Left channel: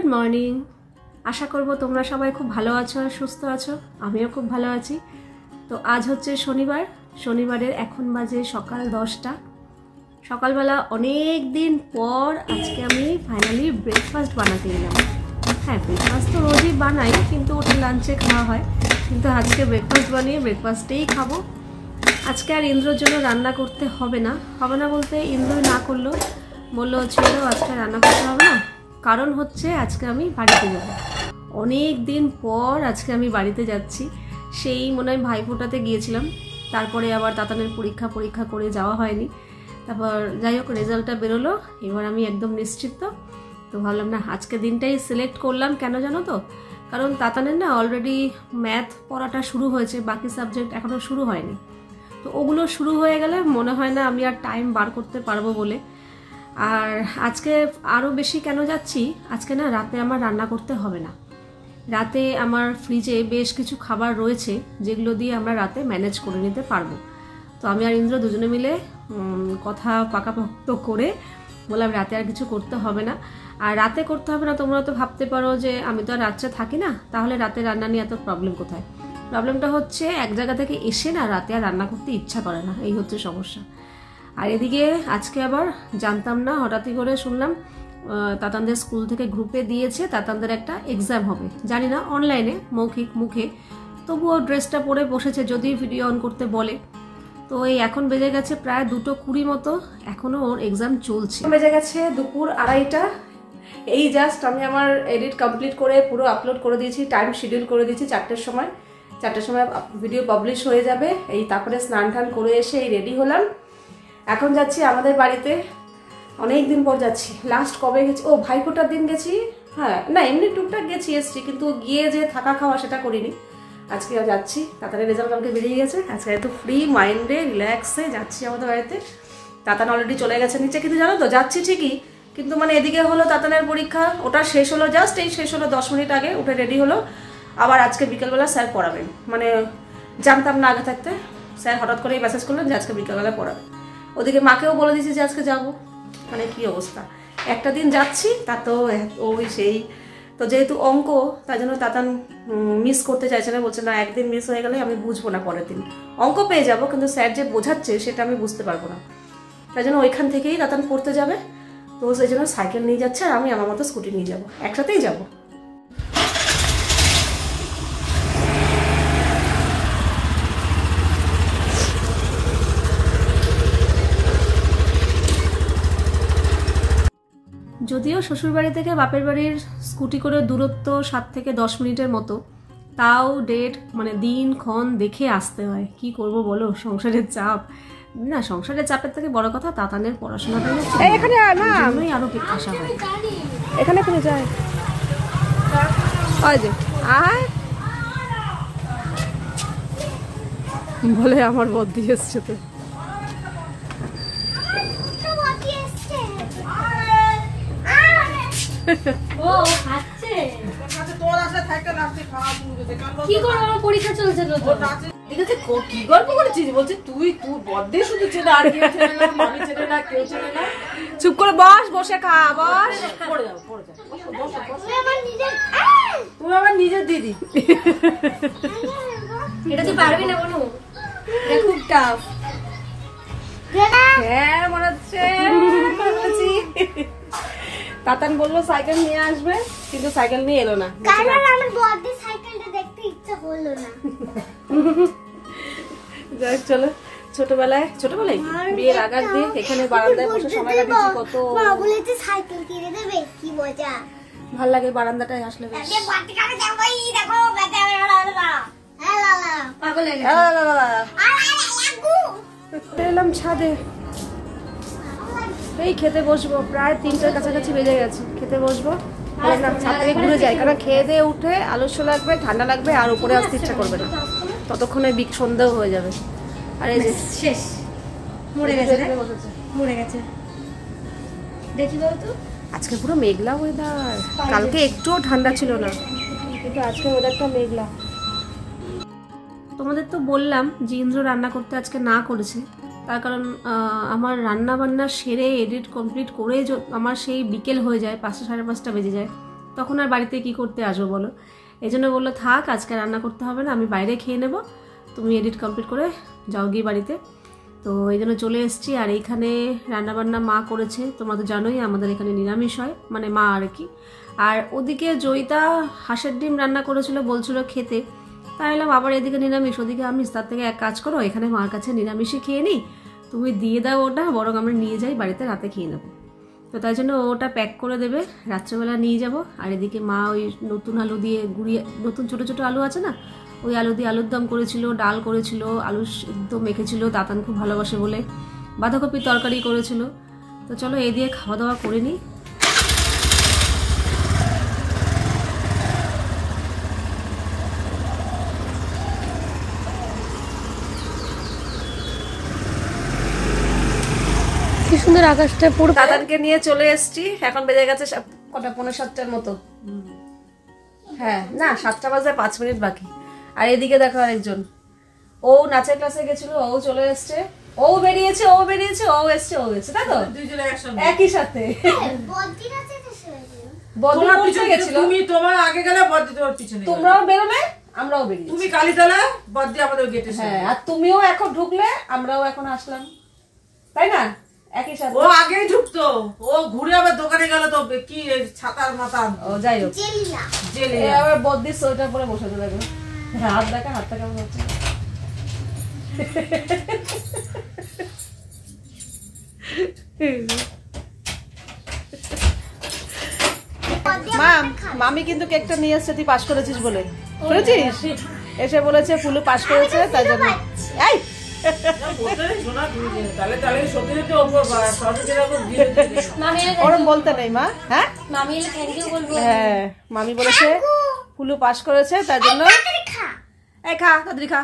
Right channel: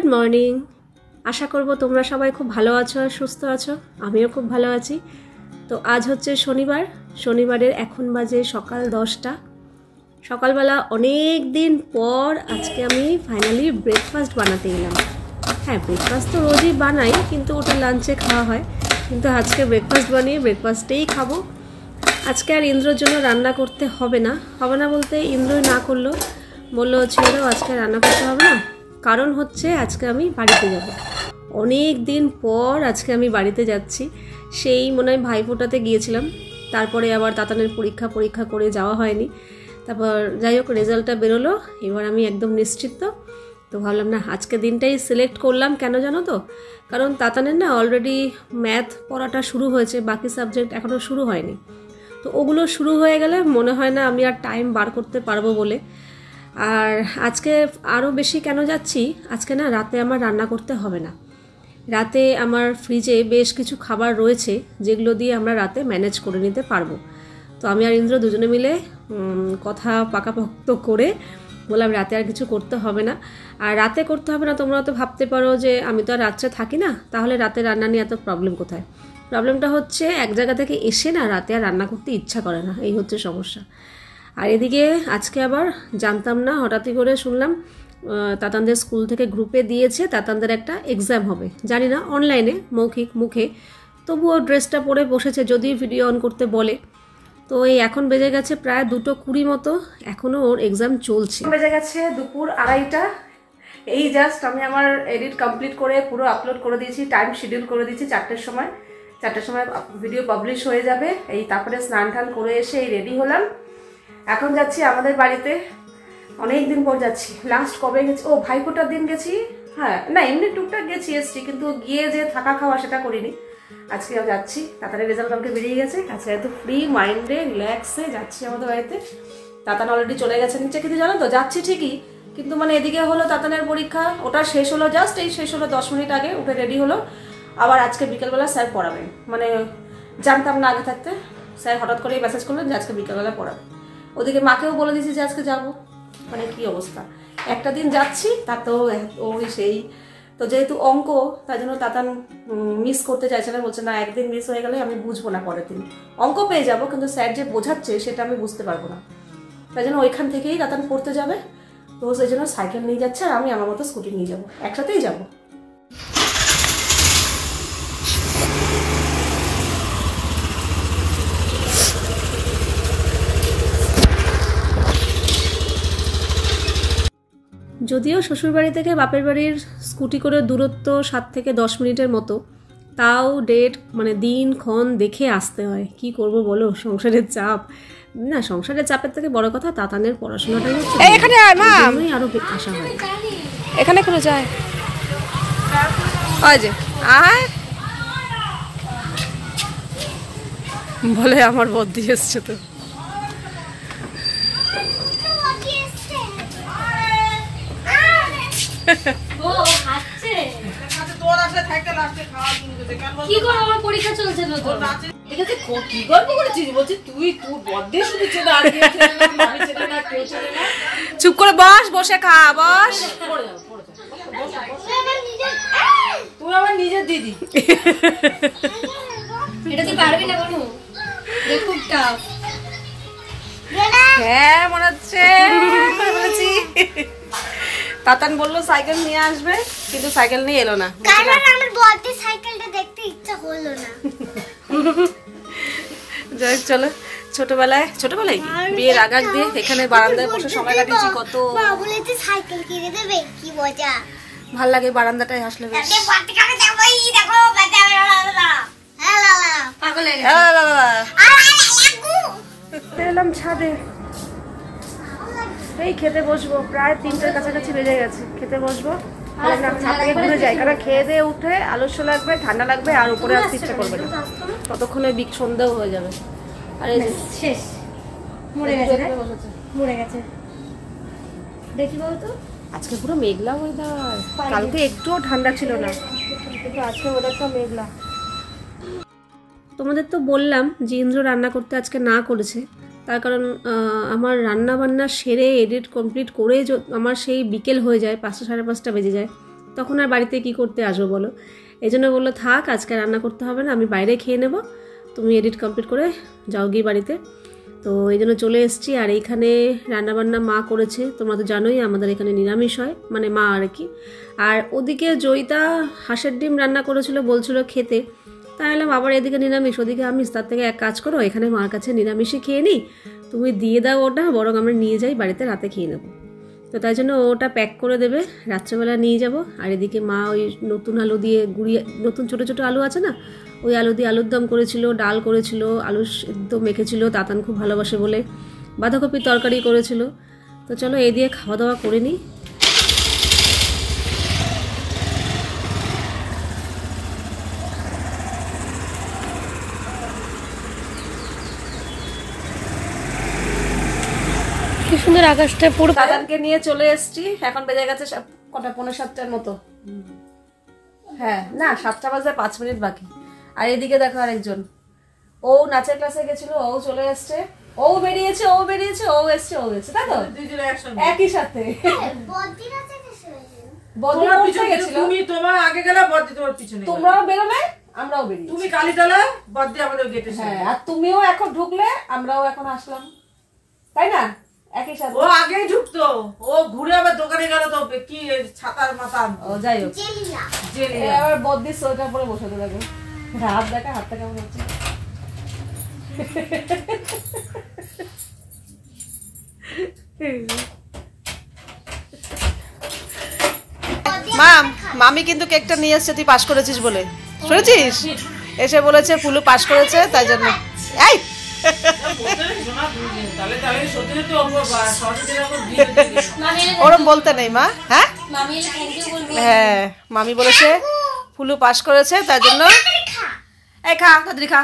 Good morning. আশা করব তোমরা সবাই খুব ভালো আছো, সুস্থ আছো। আমিও খুব ভালো আছি। তো আজ হচ্ছে শনিবার। শনিবারের এখন বাজে সকাল 10টা। সকালবেলা অনেক দিন পর আজকে আমি ফাইনালি ব্রেকফাস্ট বানাতে এলাম। হ্যাঁ, ব্রেকফাস্ট তো রোজই বানাই, কিন্তু ওটা লাঞ্চে খাওয়া হয়। কিন্তু আজকে ব্রেকফাস্ট বানিয়ে ব্রেকফাস্টেই খাবো। আজকে আর ইন্দ্রর জন্য রান্না করতে হবে না বলতে ইন্দ্রই না করলো, বললো ছেলেও আজকে রান্না করতে হবে না। কারণ হচ্ছে আজকে আমি বাড়িতে যাব। অনেক দিন পর আজকে আমি বাড়িতে যাচ্ছি। সেই মনে হয় ভাইফোঁটাতে গিয়েছিলাম, তারপরে আবার তাতানের পরীক্ষা করে যাওয়া হয়নি। তারপর যাই হোক রেজাল্টটা বেরোলো, এবার আমি একদম নিশ্চিত। তো ভাবলাম না আজকে দিনটাই সিলেক্ট করলাম। কেন জানো তো? কারণ তাতানের না অলরেডি ম্যাথ পড়াটা শুরু হয়েছে, বাকি সাবজেক্ট এখনও শুরু হয়নি। তো ওগুলো শুরু হয়ে গেলে মনে হয় না আমি আর টাইম বার করতে পারবো বলে। আর আজকে আরও বেশি কেন যাচ্ছি, আজকে না রাতে আমার রান্না করতে হবে না। রাতে আমার ফ্রিজে বেশ কিছু খাবার রয়েছে, যেগুলো দিয়ে আমরা রাতে ম্যানেজ করে নিতে পারবো। তো আমি আর ইন্দ্র দুজনে মিলে কথা পাকাপোক্ত করে বললাম রাতে আর কিছু করতে হবে না। আর রাতে করতে হবে না, তোমরা তো ভাবতে পারো যে আমি তো আর রাত্রে থাকি না, তাহলে রাতে রান্না নিয়ে এত প্রবলেম কোথায়? প্রবলেমটা হচ্ছে এক জায়গা থেকে এসে না রাতে আর রান্না করতে ইচ্ছা করে না, এই হচ্ছে সমস্যা। আর এদিকে আজকে আবার জানতাম না, হঠাৎই করে শুনলাম তাতানদের স্কুল থেকে গ্রুপে দিয়েছে তাতানদের একটা এক্সাম হবে। জানি না অনলাইনে মৌখিক মুখে, তবুও ড্রেসটা পরে বসেছে, যদি ভিডিও অন করতে বলে। তো এই এখন বেজে গেছে প্রায় 2:20 মতো, এখনও ওর এক্সাম চলছে। বেজে গেছে দুপুর 2:30। এই জাস্ট আমি আমার এডিট কমপ্লিট করে পুরো আপলোড করে দিয়েছি, টাইম শিডিউল করে দিয়েছি 4টের সময়। 4টের সময় ভিডিও পাবলিশ হয়ে যাবে। এই তারপরে স্নান টান করে এসে এই রেডি হলাম। এখন যাচ্ছি আমাদের বাড়িতে। অনেক দিন পর যাচ্ছি। লাস্ট কবে গেছি? ও ভাইফোঁটার দিন গেছি। হ্যাঁ, না এমনি টুকটাক গেছি এসছি, কিন্তু গিয়ে যে থাকা খাওয়া সেটা করিনি। আজকে যাচ্ছি, তাতানের রেজাল্ট কালকে বেরিয়ে গেছে। আজকে একটু ফ্রি মাইন্ডে রিল্যাক্সে যাচ্ছি আমাদের বাড়িতে। তাতান অলরেডি চলে গেছে নিচে, কিন্তু জানো তো যাচ্ছি ঠিকই, কিন্তু মানে এদিকে হলো তাতানের পরীক্ষা, ওটা শেষ হলো, জাস্ট এই শেষ হলো 10 মিনিট আগে উঠে রেডি হলো। আবার আজকে বিকেলবেলা স্যার পড়াবেন, মানে জানতাম না আগে থাকতে। স্যার হঠাৎ করে মেসেজ করলেন যে আজকে বিকেলবেলা পড়াবেন। ওদিকে মাকেও বলে দিয়েছি যে আজকে যাবো। মানে কি অবস্থা, একটা দিন যাচ্ছি তা তো ওই সেই। তো যেহেতু অঙ্ক, তাই জন্য তাতান মিস করতে চাইছে না, বলছে না একদিন মিস হয়ে গেলে আমি বুঝবো না, পরের দিন অঙ্ক পেয়ে যাবো, কিন্তু স্যার যে বোঝাচ্ছে সেটা আমি বুঝতে পারবো না। তাই জন্য ওইখান থেকেই তাতান পড়তে যাবে। তো সেই জন্য সাইকেল নিয়ে যাচ্ছে, আর আমি আমার মতো স্কুটি নিয়ে যাবো, একসাথেই যাবো। যদিও শ্বশুরবাড়ি থেকে বাপের বাড়ির স্কুটি করে দূরত্ব 7 থেকে 10 মিনিটের মতো, তাও ডেট মানে দিনক্ষণ দেখে আসতে হয়। কি করব বলো, সংসারের চাপ। না, সংসারের চাপের থেকে বড় কথা তাতানের পড়াশোনাটাই হচ্ছে। এখানে আয় মা, আরো আসা হয়। এখানে করে যায় ওই যে আয় বলে আমার বদ্দি এসছে। তো পরীক্ষা চলছে কি গল্প করেছিস? বলছে তুই বড্ডে শুধু ছেলে, আর কেউ ছেলে না, মামি ছেলে না, কেউ ছেলে না। চুপ করে বস, বসে খা, বস। তুমি আমার নিজের দিদি। এটা তুই পারবি না বলু, খুব টাফ। হ্যাঁ মনে হচ্ছে বলেছি। তাতান বললো সাইকেল নিয়ে আসবে, কিন্তু সাইকেল নিয়ে এলো না। কারণ আমার বডি সাইকেলটা দেখতে ইচ্ছা হলো না। যাই চলো, ছোটবেলায় বিয়ের আগ দিয়ে এখানে বারান্দায় বসে সময় কাটিয়েছি কত। মা বলেছে সাইকেল কিনে দেবে, কি মজা। ভাল লাগে বারান্দাটায় আসলে। দেখো পাগল হয়ে গেছে। এলাম ছাদে, এই খেতে বসবো। প্রায় 3টার কাছাকাছি বেজে গেছে, খেতে বসবো। না ছাদ থেকে ঘুরে যাই, কারণ খেয়ে দিয়ে উঠে আলস্য লাগবে, ঠান্ডা লাগবে, আর উপরে আসতে ইচ্ছা করবে না। ততক্ষণে সন্ধ্যাও হয়ে যাবে। আর এই শেষ মরে গেছে, মরে গেছে। দেখি বলতো, আজকে পুরো মেঘলা ওয়েদার। কালকে একটুও ঠান্ডা ছিল না, কিন্তু আজকে ওয়েদারটা মেঘলা। তোমাদের তো বললাম যে ইন্দ্র রান্না করতে আজকে না করেছে, তার কারণ আমার রান্না বান্না সেরে এডিট কমপ্লিট করে আমার সেই বিকেল হয়ে যায়, 5টা সাড়ে 5টা বেজে যায়। তখন আর বাড়িতে কি করতে আসবো বলো। এই জন্য বললো থাক আজকে রান্না করতে হবে না, আমি বাইরে খেয়ে নেব, তুমি এডিট কমপ্লিট করে যাও গিয়ে বাড়িতে। তো এই জন্য চলে এসেছি। আর এইখানে রান্নাবান্না মা করেছে, তোমরা তো জানোই আমাদের এখানে নিরামিষ হয়, মানে মা আর কি। আর ওদিকে জয়িতা হাঁসের ডিম রান্না করেছিল, বলছিল খেতে, তাই এলাম আবার এদিকে নিরামিষ ওদিকে আমিষ, তার থেকে এক কাজ করো এখানে মার কাছে নিরামিষই খেয়ে নিই, তুমি দিয়ে দাও ওটা, বরং আমরা নিয়ে যাই বাড়িতে রাতে খেয়ে নেবো। তো তাই জন্য ওটা প্যাক করে দেবে, রাত্রেবেলা নিয়ে যাব। আর এদিকে মা ওই নতুন আলু দিয়ে গুঁড়িয়ে, নতুন ছোটো ছোটো আলু আছে না, ওই আলু দিয়ে আলুর দম করেছিল, ডাল করেছিল, আলু সিদ্ধ মেখেছিল, দাতান খুব ভালোবাসে বলে, বাঁধাকপির তরকারি করেছিল। তো চলো এই দিয়ে খাওয়া দাওয়া করে নিই। কি সুন্দর আকাশটা পুরো। দাদানকে নিয়ে চলে এসেছি, এখন বেজে গেছে কটা, 6:45 মতো। হ্যাঁ না 7টা বাজে 5 মিনিট বাকি। আর এদিকে দেখো আরেকজন, ও নাচের ক্লাসে গেছিল, ও চলে এসছে, ও বেরিয়েছে, ও বেরিয়েছে, ও এসছে, ও এসছে, তাই তো একই সাথে। তোমার আগে গেলে বদ্দি তোমার পিছনে, তোমরাও বেরোলে আমরাও বেরিয়ে, তুমি কালীতলা বদ্দি আমাদের গেটে। হ্যাঁ আর তুমিও এখন ঢুকলে, আমরাও এখন আসলাম, তাই না একই সাথে। ও আগেই ঢুকতো, ও ঘুরে আবার দোকানে গেল তো কি ছাতার মাথা। ও যাই হোক, জেলে আবার বদ্দির সোয়েটার পরে বসে থাকবে, হাত দেখা, হাতটা কেমন হচ্ছে। মামি কিন্তু কেকটা নিয়ে এসছে তুই পাস করেছিস বলে, শুনেছিস? এসে বলেছে ফুলু পাস করেছে, তাই জন্য। এই ওরম বলতে নেই মা। হ্যাঁ হ্যাঁ মামি বলেছে ফুলু পাস করেছে, তাই জন্য। এই খা কদরি খা,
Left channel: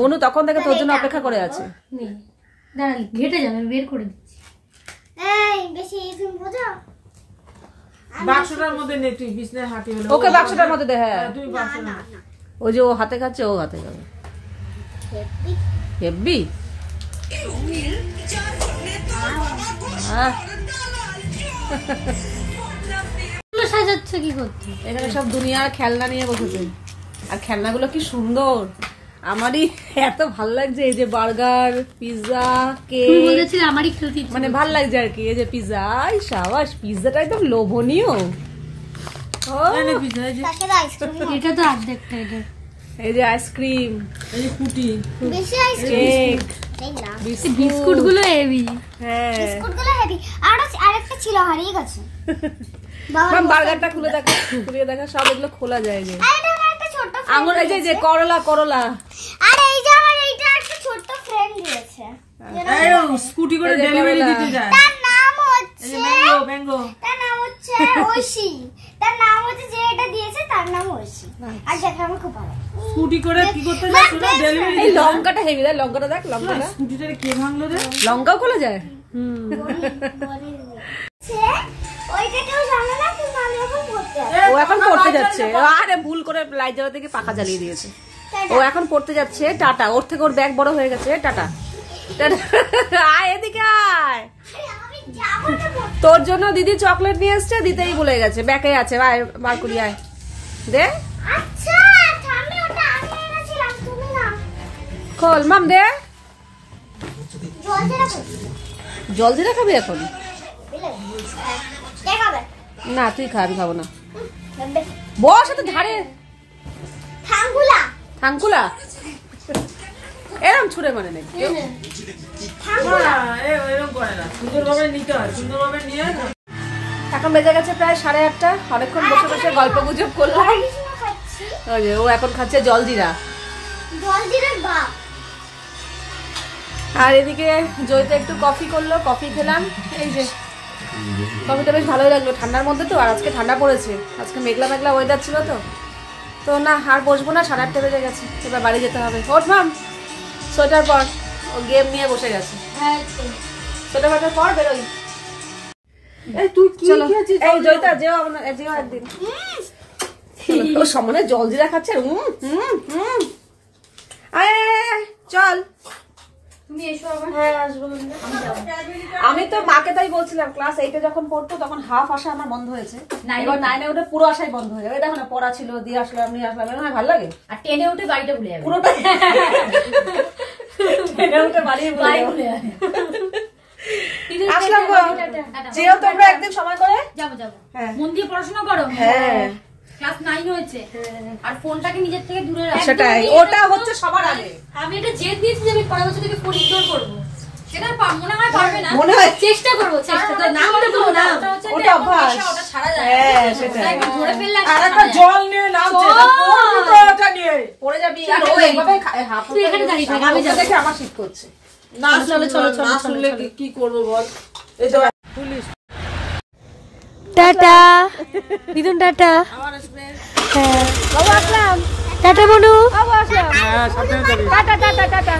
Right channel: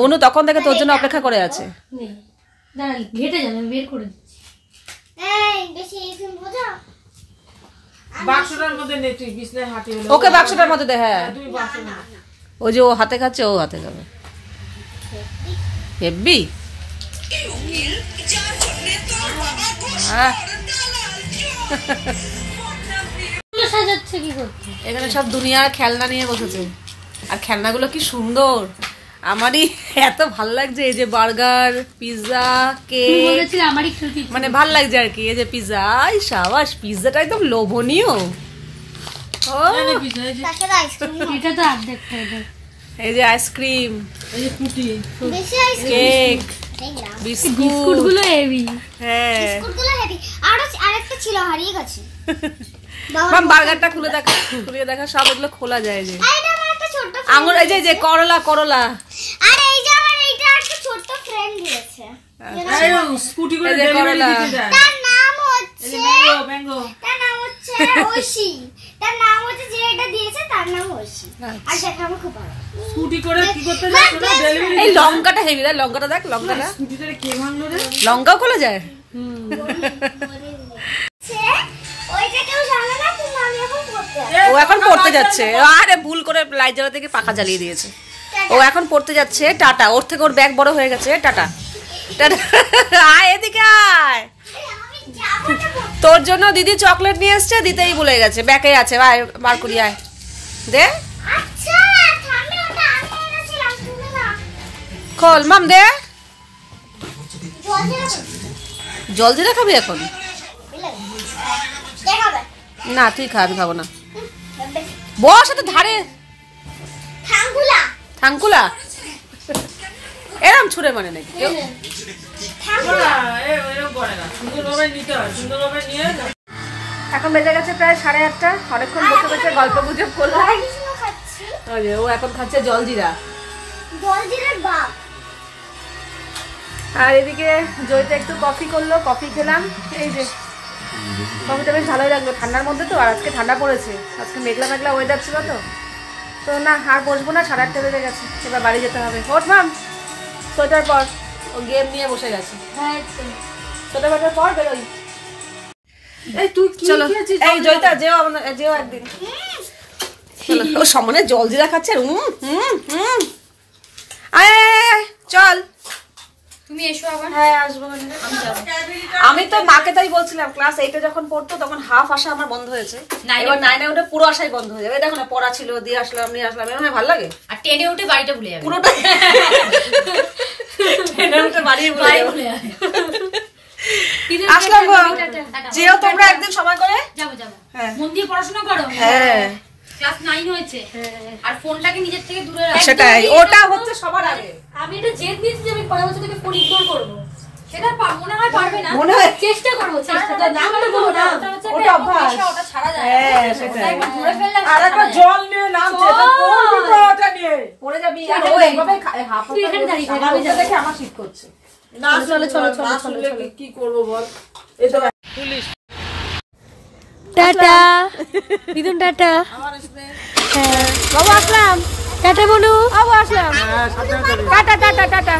বনু তখন থেকে তোর জন্য অপেক্ষা করে আছে। ঘেটে যাবে, বের করে দিচ্ছি। ওকে বাক্সটার মধ্যে দে। হ্যাঁ ওই যে ও হাতে খাচ্ছে, ও হাতে খাবে। হেব্বি সাজাচ্ছে কি করছে? এখানে সব দুনিয়ার খেলনা নিয়ে বসেছে, আর খেলনাগুলো কি সুন্দর, আমারই এত ভালো লাগছে। এই যে বার্গার, পিৎজা, কেক, আমারই মানে ভাল লাগছে আর কি। এই যে পিৎজা, সাবাস, পিৎজাটা একদম লোভনীয়। এই যে আইসক্রিম, এই যে ফুটি, কেক, বিস্কুট গুলো হেভি। হ্যাঁ বিস্কুট গুলো হেভি। আর আরেকটা ছিল হারিয়ে গেছে। মাম বার্গারটা খুলে দেখা, খুলে দেখা, সব এগুলো খোলা যায়। যে আঙুর, এই যে করলা, করলা। আর এই যে আমার এইটা একটা ছোট ফ্রেন্ড দিয়েছে, স্কুটি করে ডেলিভারি দিতে যায়। তার নাম হচ্ছে ম্যাঙ্গো, তার নাম হচ্ছে ঐশী, তার নাম হচ্ছে, যে এটা দিয়েছে তার নাম ঐশী। আর সেটা আমার খুব ভালো। স্কুটি করে কি করতে যায় ডেলিভারি। এই লঙ্কাটা হেভি, দেখ লঙ্কাটা, দেখ লঙ্কাটা, স্কুটিটারে কে ভাঙলো রে? লঙ্কাও খোলা যায়। ওইটা কেউ জানে না, কিন্তু আমি এখন পড়তে যাচ্ছি। ও এখন পড়তে যাচ্ছে। আরে ভুল করে লাইট জ্বালা থেকে পাখা জ্বালিয়ে দিয়েছে। ও এখন পড়তে যাচ্ছে। টাটা। ওর থেকে ওর ব্যাগ বড় হয়ে গেছে। Tata tata. আয় এদিকে আয়, তোর জন্য দিদি চকলেট নিয়ে এসছে, দিতেই ভুলে গেছে, ব্যাগে আছে। আয় বার করি, আয় দে। আচ্ছা আমি ওটা আগে এনেছিলাম, তুমি না খোল। মাম দে, জল জিরা খাবি এখন? না তুই খা, আমি খাবো না। বস এত ধারে। থাঙ্কুলা, থাঙ্কুলা এরম ছুড়ে মানে নেই। এখন বেজে গেছে প্রায় 8:30। অনেকক্ষণ বসে বসে গল্প গুজব করলাম। ও এখন খাচ্ছে জলজিরা। আর এদিকে জয়িতা একটু কফি করলো, কফি খেলাম। এই যে কফিটা বেশ ভালোই লাগলো, ঠান্ডার মধ্যে তো। আর আজকে ঠান্ডা পড়েছে, আজকে মেঘলা মেঘলা ওয়েদার ছিল তো। তো না আর বসবো না, 8:30 বেজে গেছে, এবার বাড়ি যেতে হবে। ওঠ মাম, সোয়েটার পর। ও গেম নিয়ে বসে গেছে। সোয়েটার পর বেরোই। এই তুই কি খেয়েছিস? এই জয়িতা যেও, যেও একদিন। ও সামনে জলজিরা খাচ্ছে। আয় চল তুমি এসো আবার। হ্যাঁ আসবো। আমি তো মাকে তাই বলছিলাম ক্লাস 8 যখন পড়তো তখন হাফ আসা আমার বন্ধ হয়েছে, এবার 9 উঠে পুরো আসাই বন্ধ হয়ে যাবে। দেখো না পড়া ছিল, দিয়ে আসলাম নিয়ে আসলাম, এমন ভালো লাগে। আর 10 উঠে বাড়িটা ভুলে যাবে পুরোটা 10 উঠে বাড়ি ভুলে যাবে। আসলাম গো, যেও তোমরা একদিন সময় করে। যাবো মন দিয়ে পড়াশোনা করো। হ্যাঁ ক্লাস 9 হয়েছে, আর ফোনটাকে নিজের থেকে দূরে রাখো। সেটাই, ওটা হচ্ছে সবার আগে। আমি এটা জেদ দিয়েছি যে আমি পরের বছর থেকে ফোন ইগনোর করব। সেটা মনে হয় পারবে না, মনে হয় চেষ্টা করব, চেষ্টা না করে দেবো না। ওটা অভ্যাস, ওটা ছাড়া যায়। হ্যাঁ সেটাই। একবার ধরে ফেললে আর একটা জল নিয়ে নামছে, পড়বি তো ওটা নিয়ে পড়ে যাবি। আর ও এইভাবে হাফ তুই এখানে দাঁড়িয়ে থাক, আমি যাবো। দেখে আমার শীত করছে। না চলে চলে কি করব বল। এই তো পুলিশ। Tata Bidun, tata. হ্যাঁ Aslam, tata Bonu. Aslam, tata tata tata.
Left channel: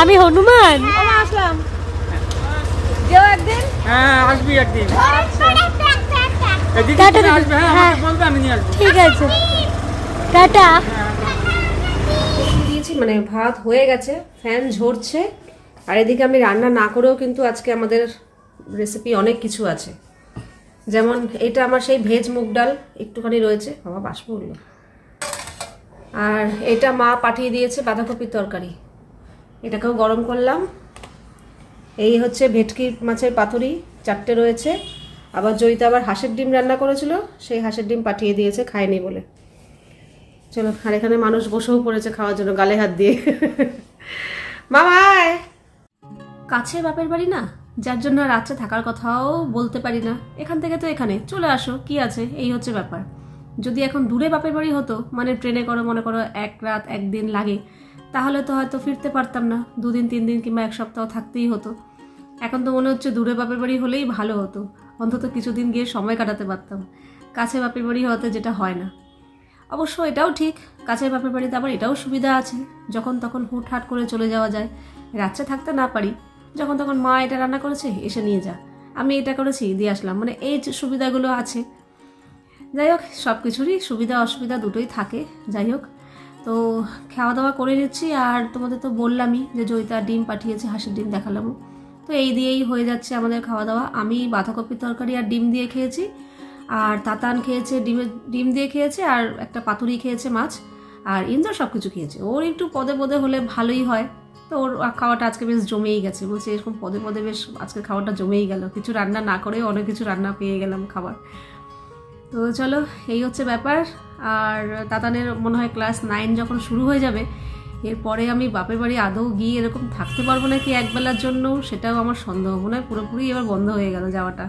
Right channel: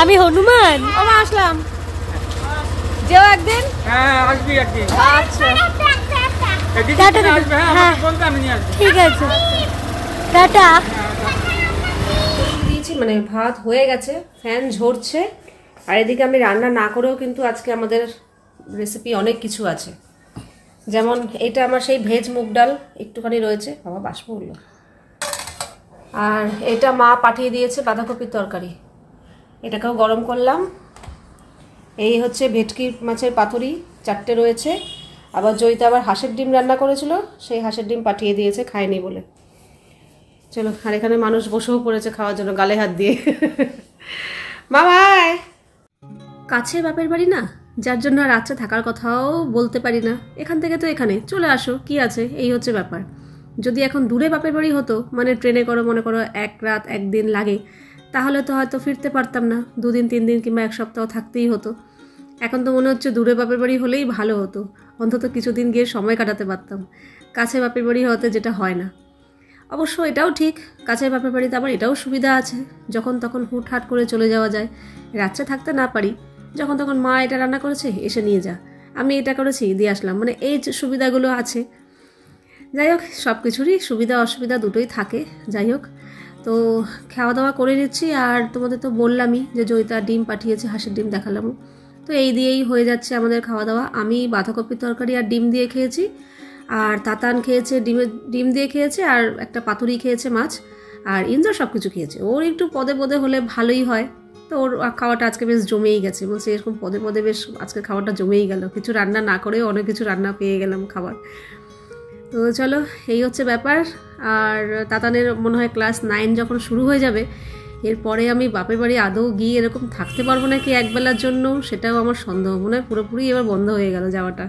আমি হনুমান। আসলাম, যেও একদিন। হ্যাঁ আসবি একদিন। টাটা দিদি। হ্যাঁ ঠিক আছে, টাটা। দিয়েছি মানে ভাত হয়ে গেছে, ফ্যান ঝরছে। আর এদিকে আমি রান্না না করেও কিন্তু আজকে আমাদের রেসিপি অনেক কিছু আছে। যেমন এটা আমার সেই ভেজ মুগ ডাল একটুখানি রয়েছে, বাবা বাষ্প উঠলো। আর এটা মা পাঠিয়ে দিয়েছে বাঁধাকপির তরকারি, এটাকেও গরম করলাম। এই হচ্ছে ভেটকি মাছের পাতুরি 4টে রয়েছে। আবার জয়িতা আবার হাঁসের ডিম রান্না করেছিল, সেই হাঁসের ডিম পাঠিয়ে দিয়েছে, খায়নি বলে। চলো, আর এখানে মানুষ বসেও পড়েছে খাওয়ার জন্য, গালে হাত দিয়ে। মামায় কাছে বাপের বাড়ি না, যার জন্য রাত্রে থাকার কথাও বলতে পারি না। এখান থেকে তো এখানে চলে আসো, কি আছে, এই হচ্ছে ব্যাপার। যদি এখন দূরে বাপের বাড়ি হতো, মানে ট্রেনে করো মনে করো 1 রাত 1 দিন লাগে, তাহলে তো হয়তো ফিরতে পারতাম না, 2 দিন 3 দিন কিংবা 1 সপ্তাহ থাকতেই হতো। এখন তো মনে হচ্ছে দূরে বাপের বাড়ি হলেই ভালো হতো, অন্তত কিছুদিন গিয়ে সময় কাটাতে পারতাম। কাছে বাপের বাড়ি হতে যেটা হয় না। অবশ্য এটাও ঠিক, কাছের বাপের বাড়িতে আবার এটাও সুবিধা আছে, যখন তখন হুটহাট করে চলে যাওয়া যায়। রাত্রে থাকতে না পারি, যখন তখন মা এটা রান্না করেছে এসে নিয়ে যা, আমি এটা করেছি দিয়ে আসলাম, মানে এই যে সুবিধাগুলো আছে। যাই হোক, সব কিছুরই সুবিধা অসুবিধা দুটোই থাকে। যাই হোক, তো খাওয়া দাওয়া করে নিচ্ছি। আর তোমাদের তো বললামই যে জয়িতা ডিম পাঠিয়েছে, হাঁসের ডিম দেখালাম। তো এই দিয়েই হয়ে যাচ্ছে আমাদের খাওয়া দাওয়া। আমি বাঁধাকপির তরকারি আর ডিম দিয়ে খেয়েছি, আর তাতান খেয়েছে ডিম দিয়ে খেয়েছে, আর একটা পাতুরি খেয়েছে মাছ, আর ইন্দ্র সব কিছু খেয়েছে। ওর একটু পদে পদে হলে ভালোই হয়, তো ওর খাওয়াটা আজকে বেশ জমেই গেছে। বলছে এরকম পদে পদে বেশ আজকে খাওয়াটা জমেই গেল, কিছু রান্না না করেও অনেক কিছু রান্না পেয়ে গেলাম খাবার। তো চলো, এই হচ্ছে ব্যাপার। আর তাতানের মনে হয় ক্লাস 9 যখন শুরু হয়ে যাবে, এরপরে আমি বাপের বাড়ি আদৌ গিয়ে এরকম থাকতে পারবো নাকি একবেলার জন্য, সেটাও আমার সন্দেহ। মনে হয় পুরোপুরি এবার বন্ধ হয়ে গেল যাওয়াটা।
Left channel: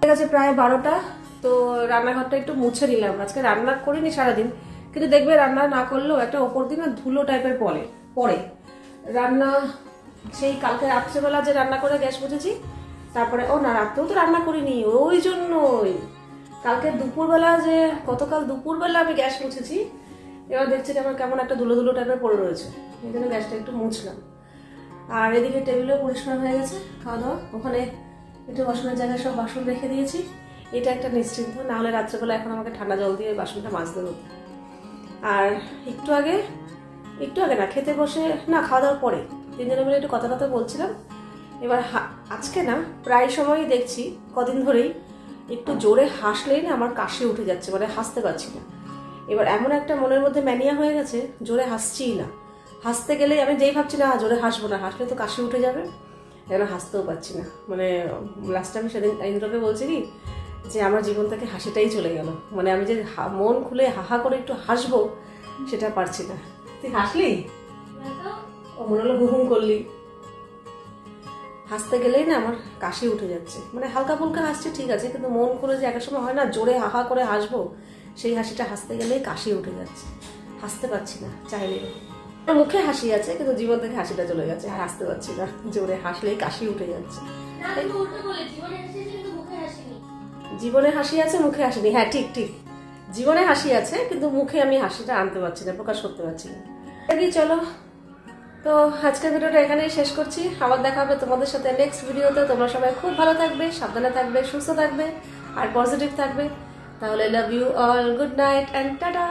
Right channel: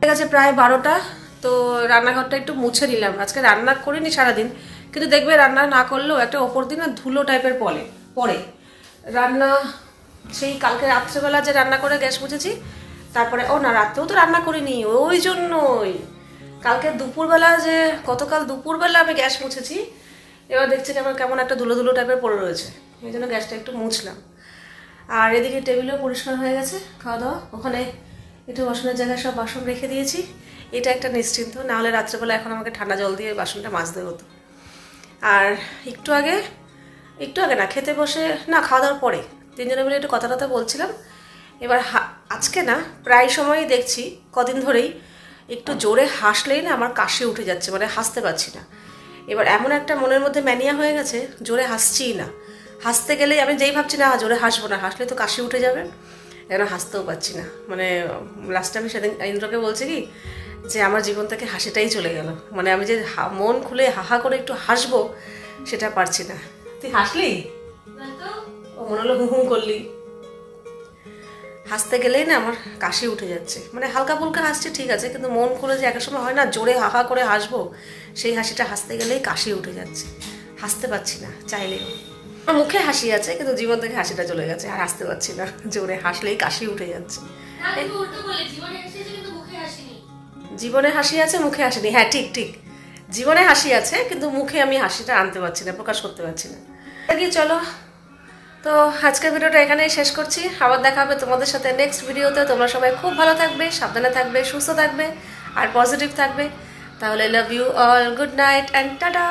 ঠিক আছে, প্রায় 12টা। তো রান্নাঘরটা একটু মুছে নিলাম। আজকে রান্না করিনি সারাদিন, কিন্তু দেখবে রান্না না করলেও একটা ওপর দিন ধুলো টাইপের পরে রান্না সেই কালকে রাত্রেবেলা যে রান্না করে গ্যাস মুছেছি, তারপরে ও না রাত্রেও তো রান্না করিনি, ওই জন্যই কালকে দুপুরবেলা যে গতকাল দুপুরবেলা আমি গ্যাস মুছেছি, এবার দেখছি আমার কেমন একটা ধুলো ধুলো টাইপের পড়ে রয়েছে, এই জন্য গ্যাসটা একটু মুছলাম। আর এদিকে টেবিলও পরিষ্কার হয়ে গেছে, খাওয়া দাওয়া, ওখানে একটু বাসনের জায়গায় সব বাসন রেখে দিয়েছি। এটা একটা নিশ্চিন্ত, না হলে রাত্রেবেলা এখন আমাকে ঠান্ডা জল দিয়ে বাসনটা মাজতে হতো। আর একটু আগে না খেতে বসে, না খাওয়া দাওয়ার পরে 3 জনে মিলে একটু কথা বলছিলাম। এবার আজকে না প্রায় সময়ই দেখছি, কদিন ধরেই একটু জোরে হাসলেই না আমার কাশি উঠে যাচ্ছে, মানে হাসতে পারছি না। এবার এমন একটা মনের মধ্যে ম্যানিয়া হয়ে গেছে, জোরে হাসছিই না। হাসতে গেলেই আমি যেই ভাবছি না জোরে হাসবো না, হাসলে তো কাশি উঠে যাবে, যেন হাসতেও পারছি না। মানে লাস্টে আমি সেদিন ইন্দ্রকে বলছি কি যে আমার জীবন থেকে হাসিটাই চলে গেল, মানে আমি যে মন খুলে হাহা করে একটু হাসবো সেটা পারছি না। তুই হাসলি? ও মনে হলো হু করলি। হাসতে গেলেই না আমার কাশি উঠে যাচ্ছে, মানে হালকা ফুলকা হাসছে ঠিক আছে, কিন্তু মন খুলে যে একটা সময় হয় না জোরে হাহা করে হাসবো, সেই হাসিটা হাসতে গেলেই কাশি উঠে যাচ্ছে, হাসতে পারছি না চাইলেও। মুখে হাসি আছে কিন্তু জীবন থেকে হাসিটা চলে গেছে, আর হাসতে পারছি না, জোরে হাসলেই কাশি উঠে যাচ্ছে। জীবনে হাসি আছে, মুখে হাসিনি। হ্যাঁ ঠিক জীবনে হাসি আছে, কিন্তু মুখে আমি হাসিটা আনতে পারছি না, প্রকাশ করতে পারছি না। চলো, তো আজকের ভিডিওটা এখানেই শেষ করছি। আবার দেখা হবে তোমাদের সাথে নেক্সট ভিডিওতে। তোমরা সবাই খুব ভালো থাকবে, সাবধানে থাকবে, সুস্থ থাকবে আর পজিটিভ থাকবে। তাহলে love you all, good night and tata.